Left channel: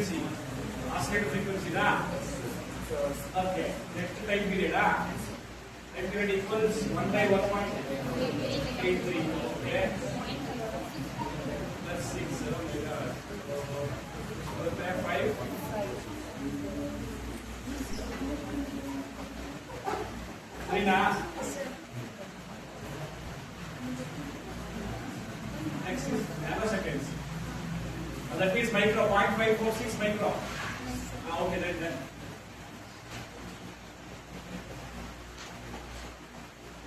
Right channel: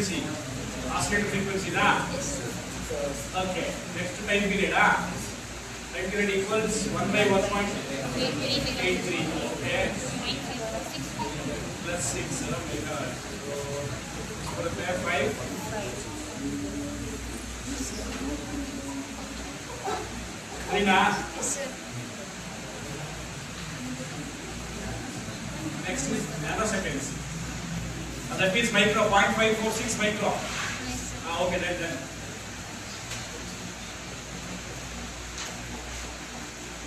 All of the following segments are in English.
frequency. Oscillating frequency, na? Okay. Next time period, time period equals 1 by 1.83. Okay. Plus 6. So, prepare 5. Rina. Next is nanoseconds. That means micro, 0.546 micro. Okay, then.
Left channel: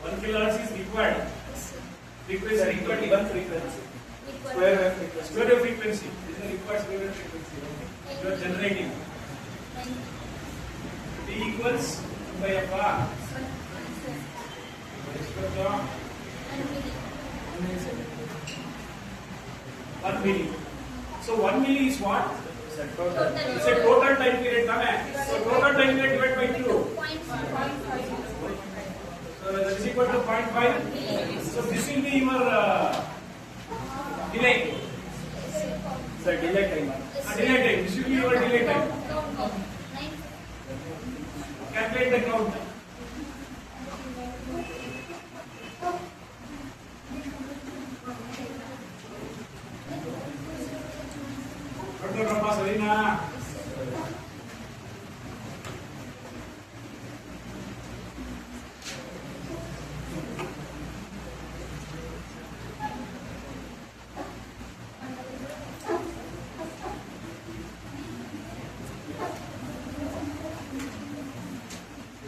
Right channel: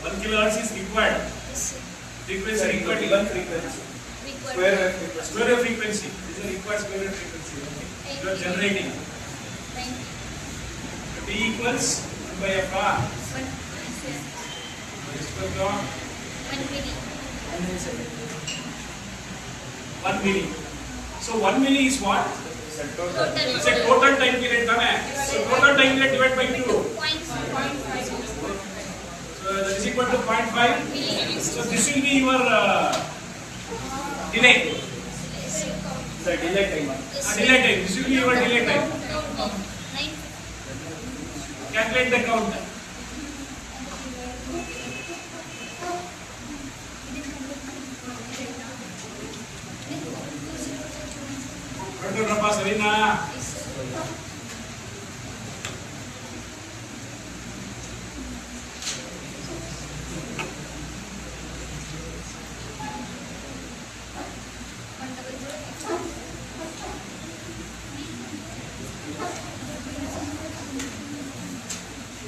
1 kilohertz is required. Frequency required. Square wave frequency. Square wave frequency. This is required square wave frequency. You are generating. T equals 1 by f. 1 milli. So 1 milli is what? It's a total time period. So total time period divided by 2. So that is equal to 0.5. So this will be your delay. Sir, delay time. Delay time. This will be your delay time. Calculate the count. Sarina.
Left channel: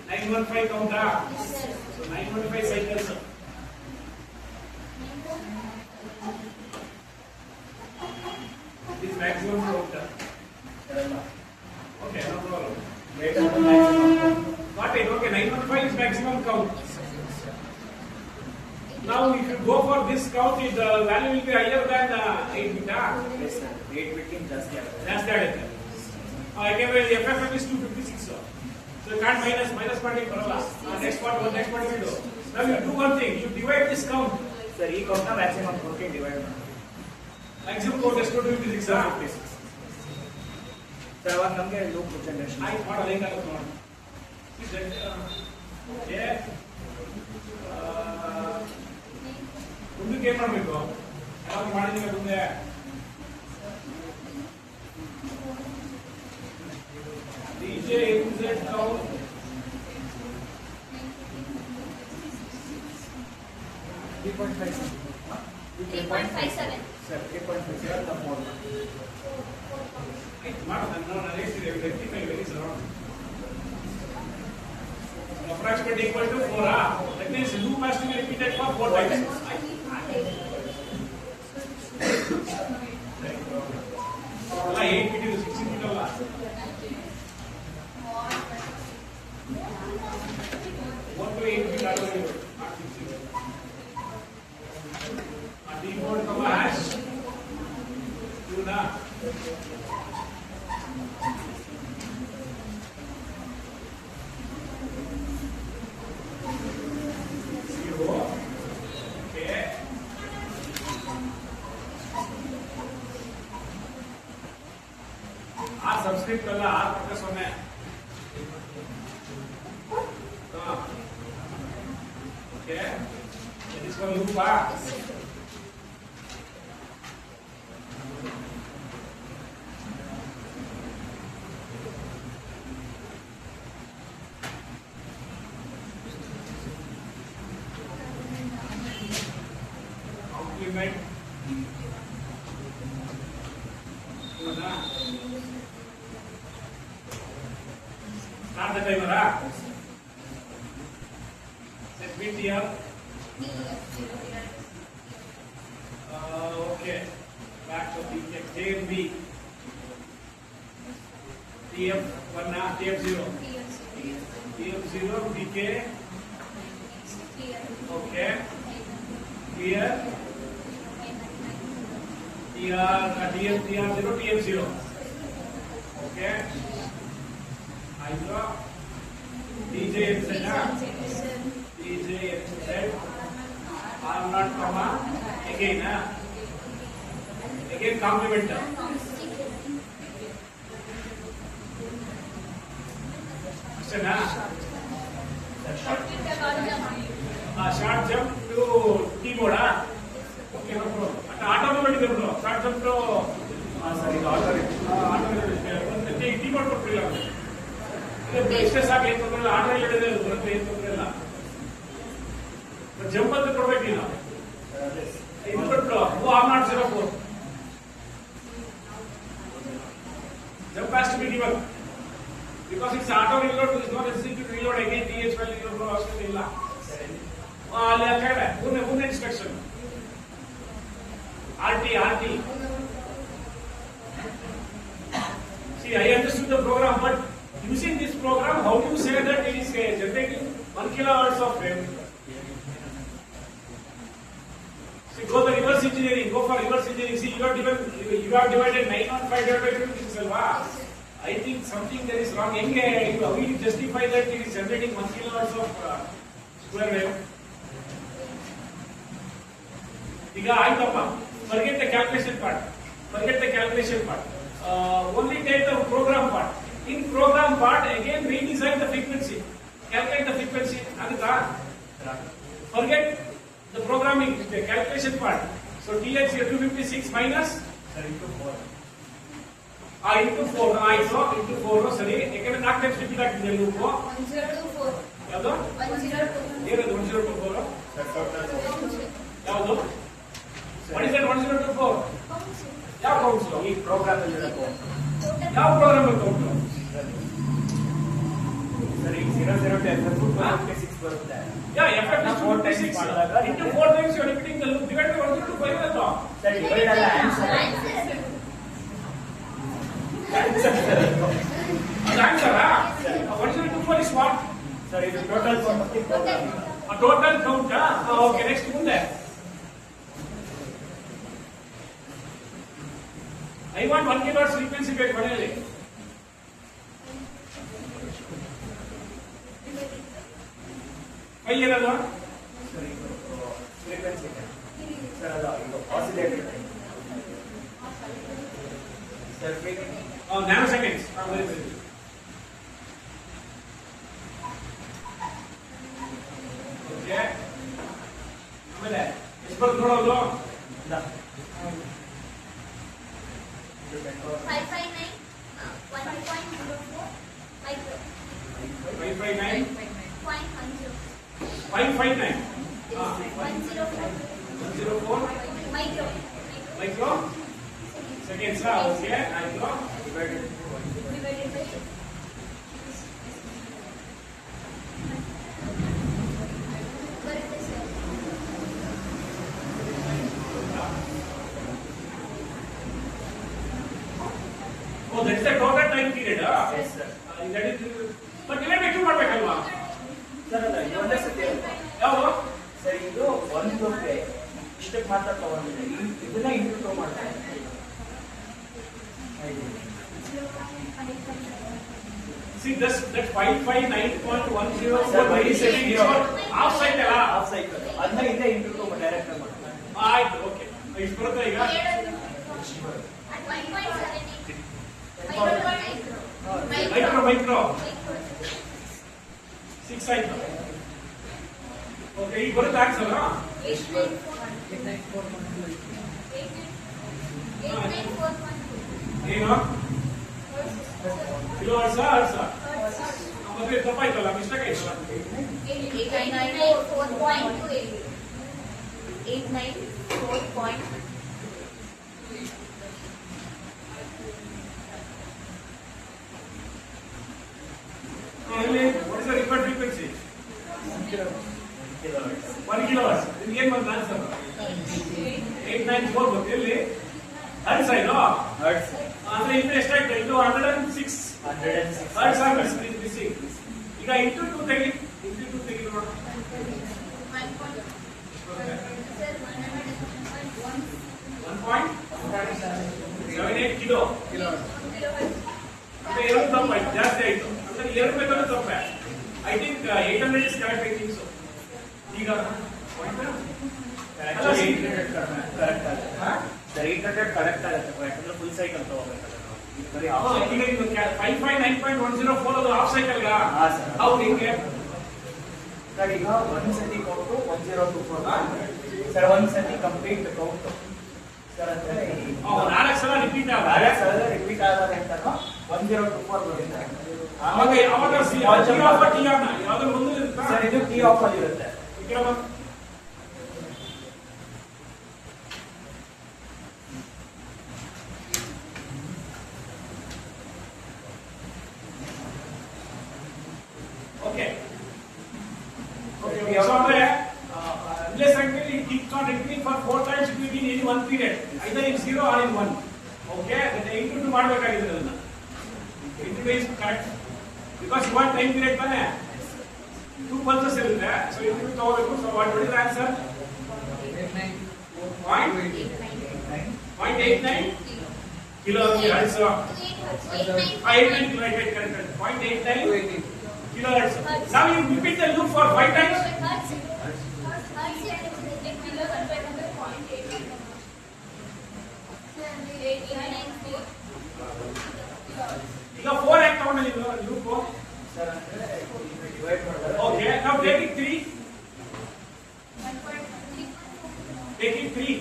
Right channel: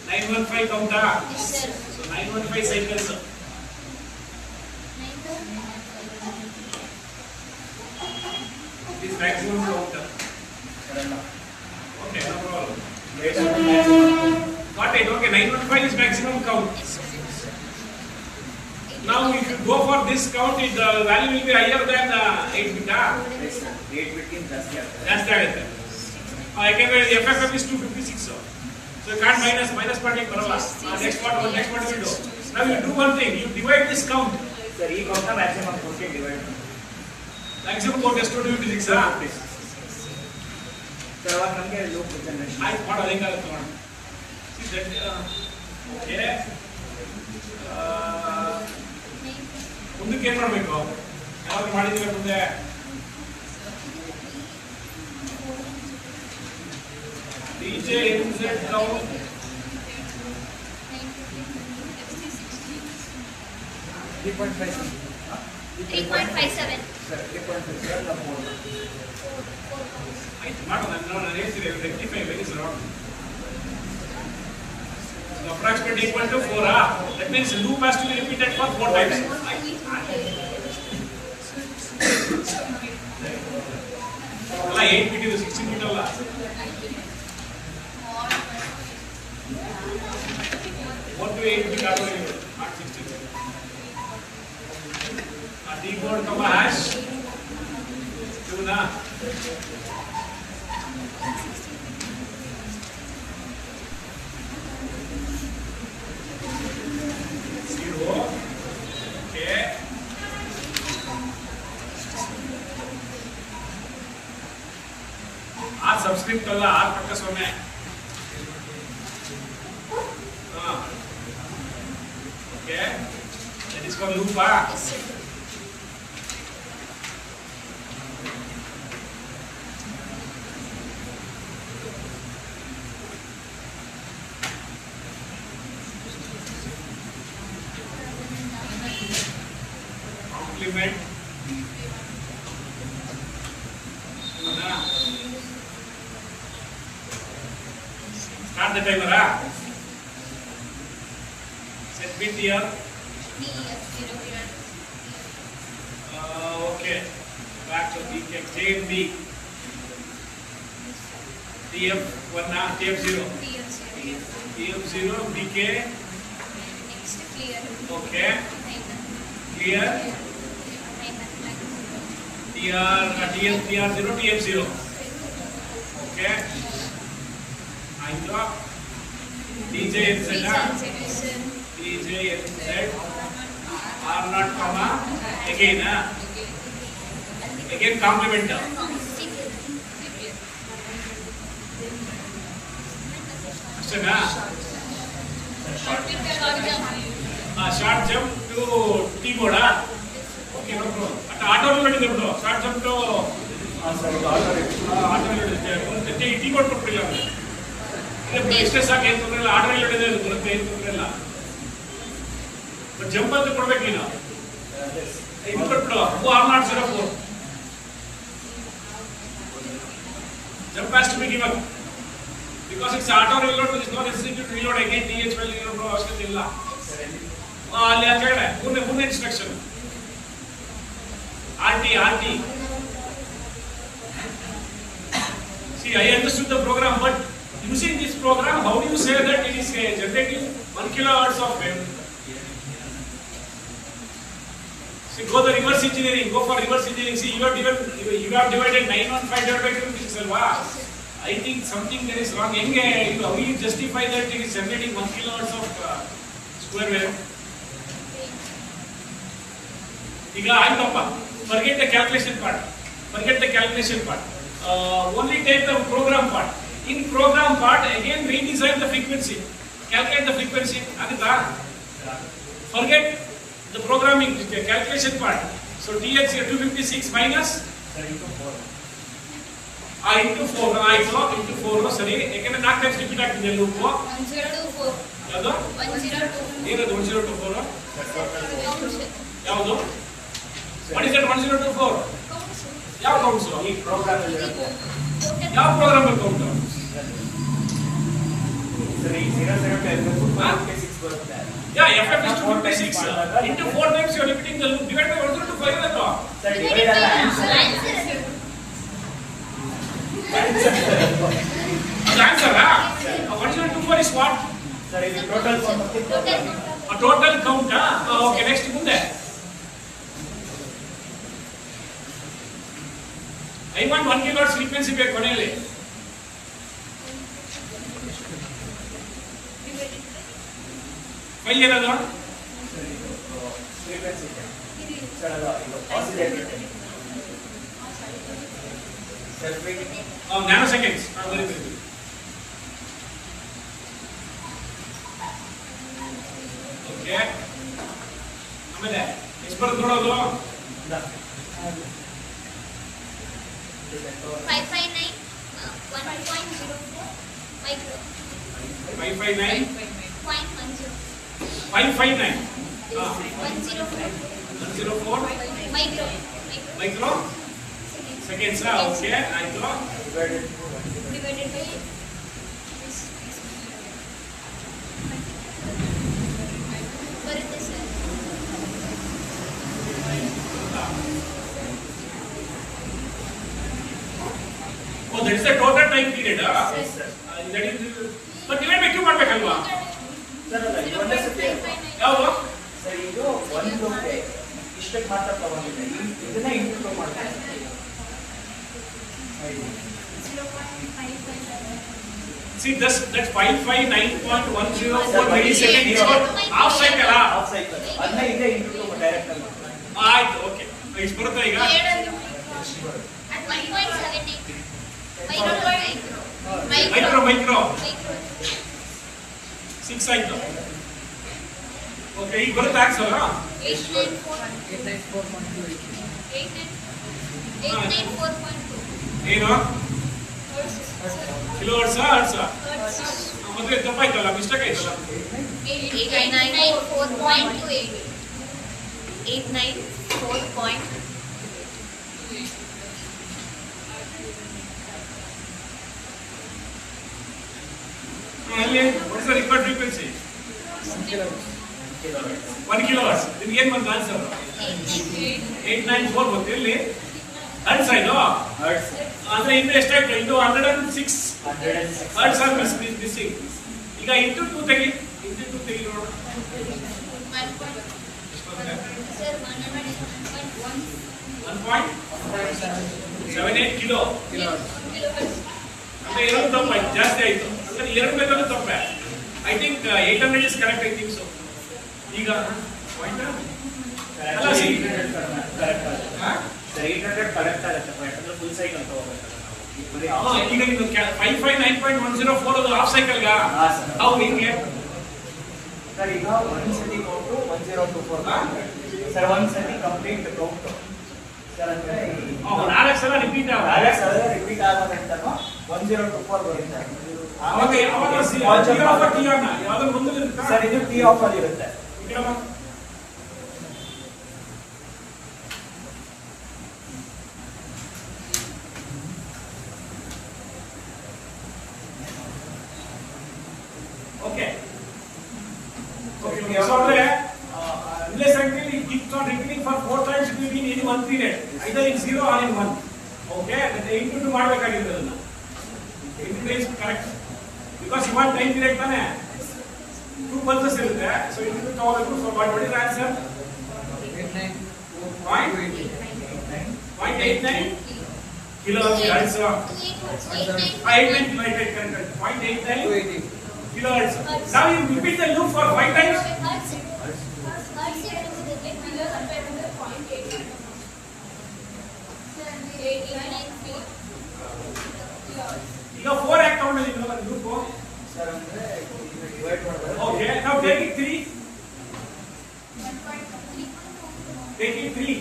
915 count. So 915 cycles. This maximum count. Okay, no problem. Got it. Okay, 915 is maximum count. Now, if you go for this count, the value will be higher than 8 bit. Yes, sir. 8 bit in just That's that. I can the FFF is 256. So you can't minus parting. Next part will do. Now you do one thing. You divide this count. Sir, this count maximum portion divide. Maximum count is 256. Sir, what number loop generation? I what are they called? See that? Okay. ಮುಂದಕ್ಕೆ ಏನು ಮಾಡಬೇಕು ಯಾವಾಗ ಮಾಡಿದ್ರೆ ಮುಂದೆ DJ MZ count 3.57 Sir, 3.57 or 4. rectify very slow. Approximately equal to 4. That means loop has to be repeated for 4 times. All 8 bit to 16 bit all. 4 to 8 bit are not 16. Decode comma hash. Do na. Subscript all R focus on है. Okay. That is called loop. Complement. Start the timer. Set bit here. Okay. Back to the JMB. TF1 TF0. TF0 DK. Okay. Clear. TR0 TF0. Okay. Ayo. DJ MZ R0 comma again complement. Question Short jump. Short jump to T ಬೋರ್ಡಾ okay no problem at auto ನೋಡಿದ್ರೆ ಬಿಡು short jump to sir ಈಗ order auto ನೋಡಿದ್ರೆ T board ಕೊಟ್ಟಿಲ್ಲ ಅಂದ್ರೆ ಎಷ್ಟೇ ಸಾಕು ಏನು ತೊಂದರೆ ಇಲ್ಲ ಆಟೋ ನೋಡಿದ್ರೆ ಬರುತ್ತೆ ಏನು ತೊಂದರೆ ಇಲ್ಲ ಬಟ್ ಜಂಪ್ ಅಂತ ಕೊಡ್ಬೇಕಿಲ್ಲ ಇದು ಕೊಟ್ಟು who are not 04 jump has to be given because it's auto reload is not necessary to reload again th file reload ಅವಶ್ಯಕತೆ ಇಲ್ಲ ಅಲ್ಲಿ ಆ ಕಡೆ ಮುಂದೆ instruction rt see I understood the program but using this program how do you say that it is generating 1 kilohertz of wave see go the reverse engineering go for reverse engineering see you have divided 915 divided by 2 which is alwa I think something there is wrong how you justify that it is generating 1 kilohertz of square wave ಈಗ ಆಯ್ತಪ್ಪ forget the calculation part only take the program part in program part again redesign the frequency calculate the frequency adita forget the programming the calculation part so tx 256 minus into 4 into 4 into 4 ಸರಿ ಯಾಕಂದ್ರೆ 4 times repeat ಆಗ್ತಿದೆ ನೀವು 1024. ಯಾವುದು 102. ಏನದು 1024 sir total ಯಾವುದು what is that 1024 ಯಾವ counts ಈ program ಅಲ್ಲಿ ಇರುತ್ತೆ ಯಾವ ಪ್ರೋಗ್ರಾಮ್ ಅಲ್ಲಿ ಕೌಂಟ್ ಸರ್ ಈ 00 ಟು FF 6 ಬರುತ್ತೆ yeah ff is 256 into 4 times you are repeating the loop divide by 105 that sir divide ಅಲ್ಲ answer answer 1024 is what sir ಇದು total count of the program a total count okay next ಮುಂದೆ I want 1 gigahertz frequency ಬೇಕು ಕೊನೆಯಲ್ಲಿ file ಏನದು sir ಇದು frequency sir ಅಲ್ಲ ಇದು oscillator sir nanoseconds ಬರೀತೀವಿ ಓಕೆ ಆಮೇಲೆ ಎಷ್ಟು ಬರುತ್ತೆ ನೋಡೋದು 559. 1.04 micro. 559 0.10. 559 104 104 micro. Micro seconds okay ಆಯ್ತು ಡಿವೈಡೆಡ್ Divided by ಬರುತ್ತೆ sir. Oh that is the total time period Yes, sir. That is but divide ಬೇಕು ಮಾಡಬೇಕಲ್ವಾ ಸರ್ ಅಲ್ಲ ಇದು ಒಂದೇ ಸತಿ ಯಾವುದು ಸರ್ ಇದು ಒಂದು ಲೋಕೆ ಇಷ್ಟಕ್ಕೆ ಮಾತ್ರ ತಗೊಂಡಿದೆ ಇದನ್ನ ಇಂಟು 2 ಮಾಡ್ತಾರೆ see that's 559.104 milliseconds is half cycle half cycle ಅದನ್ನ ಇಲ್ಲೇ ಇಂಟು 2 ಡೈರೆಕ್ಟ್ ಆಗಿ ಮಾಡ್ತಾರೆ ಆಯ್ತು ಓಕೆ ಎಷ್ಟು ಬರುತ್ತೆ ಈಗ 1.78 ಮೈಕ್ರೋ 6 ಆಯ್ತು ಓಕೆ ಈಗ ಬರುತ್ತೆ ಆನ್ಸರ್ 894.2 ಏನು ಕಿಲೋ ಹರ್ಟ್ಸ್ ಮತ್ತೆ ತಪ್ಪಾಯ್ತಲ್ಲ ಮಿಸ್ಟೇಕ್ ಆಯ್ತಲ್ಲ 894.2 ಅಲ್ಲಿ what is the required frequency 1 kilo hertz ನಿಮ್ಗೆ ಏನು ಬಂತು ಆನ್ಸರ್ 894 ಬಂತು ಎಲ್ಲಿ ಹರ್ಟ್ಸ್ ಆಯ್ತು ಹರ್ಟ್ಸ್ ಅಂದ್ರೆ ಇನ್ನು ಎಷ್ಟಾಯ್ತು ಇದು 106 106 ಹರ್ಟ್ಸ್ ಆರ್ ಮಿಸ್ಸಿಂಗ್ ಈಗ ಇಂಟು 2 ತೆಗಿ ನೋಡು ಸರ್ 1.78 ಕಿಲೋ ಅಂದ್ರೆ ಎರಡು ತಪ್ಪಾಯ್ತು ಜಾಸ್ತಿ ಆಯ್ತು ಅಂದ್ರೆ ಎರಡು ಬೇಕಾದ್ರೂ ತಪ್ಪೆ I think 800 is correct I think so ಈಗ ಪಾಯಿಂಟ್ ಅಲ್ಲ ಸಿ ಕರೆಕ್ಟ್ ಆಗುತ್ತೆ ಸರ್ 800 ಕರೆಕ್ಟ್ ಆಗುತ್ತೆ ಯಾಕಂದ್ರೆ ಫುಲ್ ಸೈಕಲ್ ತಗೋಬೇಕಲ್ಲ ನಾವು ಬರೀ ಈಗ ಇದು 559.104 ಅದು ಆಫ್ ಸೈಕಲ್ ಗಾ ಹಾ, ಸರ್. ಅವು ಹಿಂಗೆ ಸರ್ ಈಗ ಒಂದ್ಸತಿ ಕೌಂಟು 1024 ಸರ್ ಒಂದ್ಸತಿ ಕಂಪ್ಲೀಟ್ ಕೌಂಟು ಸರ್ ಅಂದ್ರೆ ನಾಲ್ಕು ಸಲ ರಿಪೀಟ್ ಬ್ಯಾಲೆನ್ಸ್ ಆದ್ರೆ ರಿಪೀಟ್ ಆಗೋದಂತಾನು 1024 ಬರುತ್ತೆ. ಆಮೇಲೆ ಅವಾಗ ಟಿ ಆಫ್ ಟಿ ಆನ್ ಯಾವ್ದು ಮುಂದೆ ಇರುತ್ತಾ ಸರ್ ಇದು ಟಿ ಆಫ್ ಅಲ್ಲಿ ಇರುತ್ತೆ. ಈ ಕಡೆ ಬಾ. Okay. Okay. So ಅಂದ್ರೆ unless until it keeps on repeating for 4 times between any one period, either in 0 or in 1. Okay, that include ಮಾಡಬೇಕಾಗಿದೆ ಅದನ್ನ. Include is correct because you want time period ತಾನೆ 2 pulses ಇರುತ್ತೆ. So include ತಗೋಬೇಕು. So what is the answer? 0.89 kilohertz. 89 divided 0.89 kilohertz. Now you repeat the loop for 5 times. ಈಗ 4 act ತಗೊಂಡಲ್ಲಿ loop. Sir ಅಂದ್ರೆ divide ಮಾಡಿದ್ರೆ Okay, now take it 3. Take it 3.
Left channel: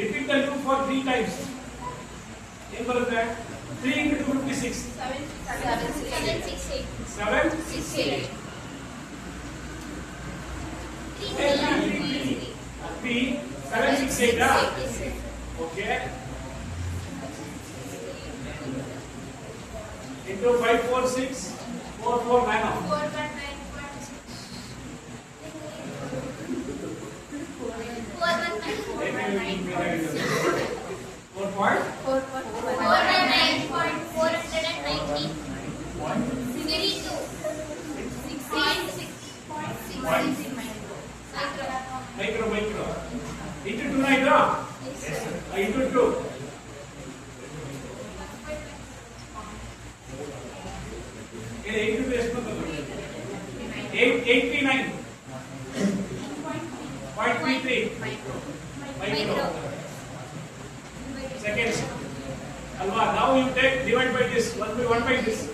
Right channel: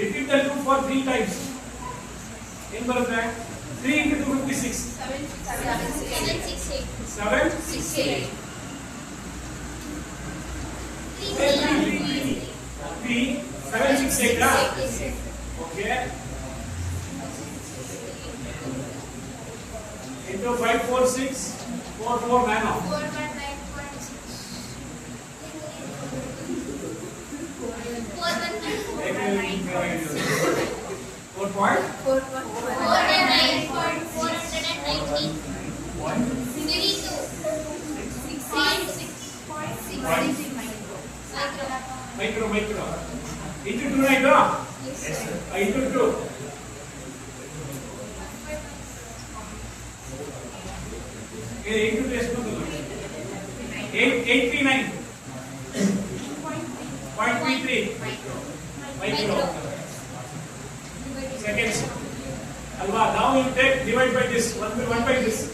Repeat the loop for 3 times. ಏನು ಬರುತ್ತೆ? 3 into 256. 7. 3. 7, 6, 8. Okay. Into 5, 4, 6, 4, 4 nano. 4 point. Micro. Into 2 right now. Into 2. Into this one. 839. 0.33. Micro. Seconds. Alva, now you take divide by this. 1 by this.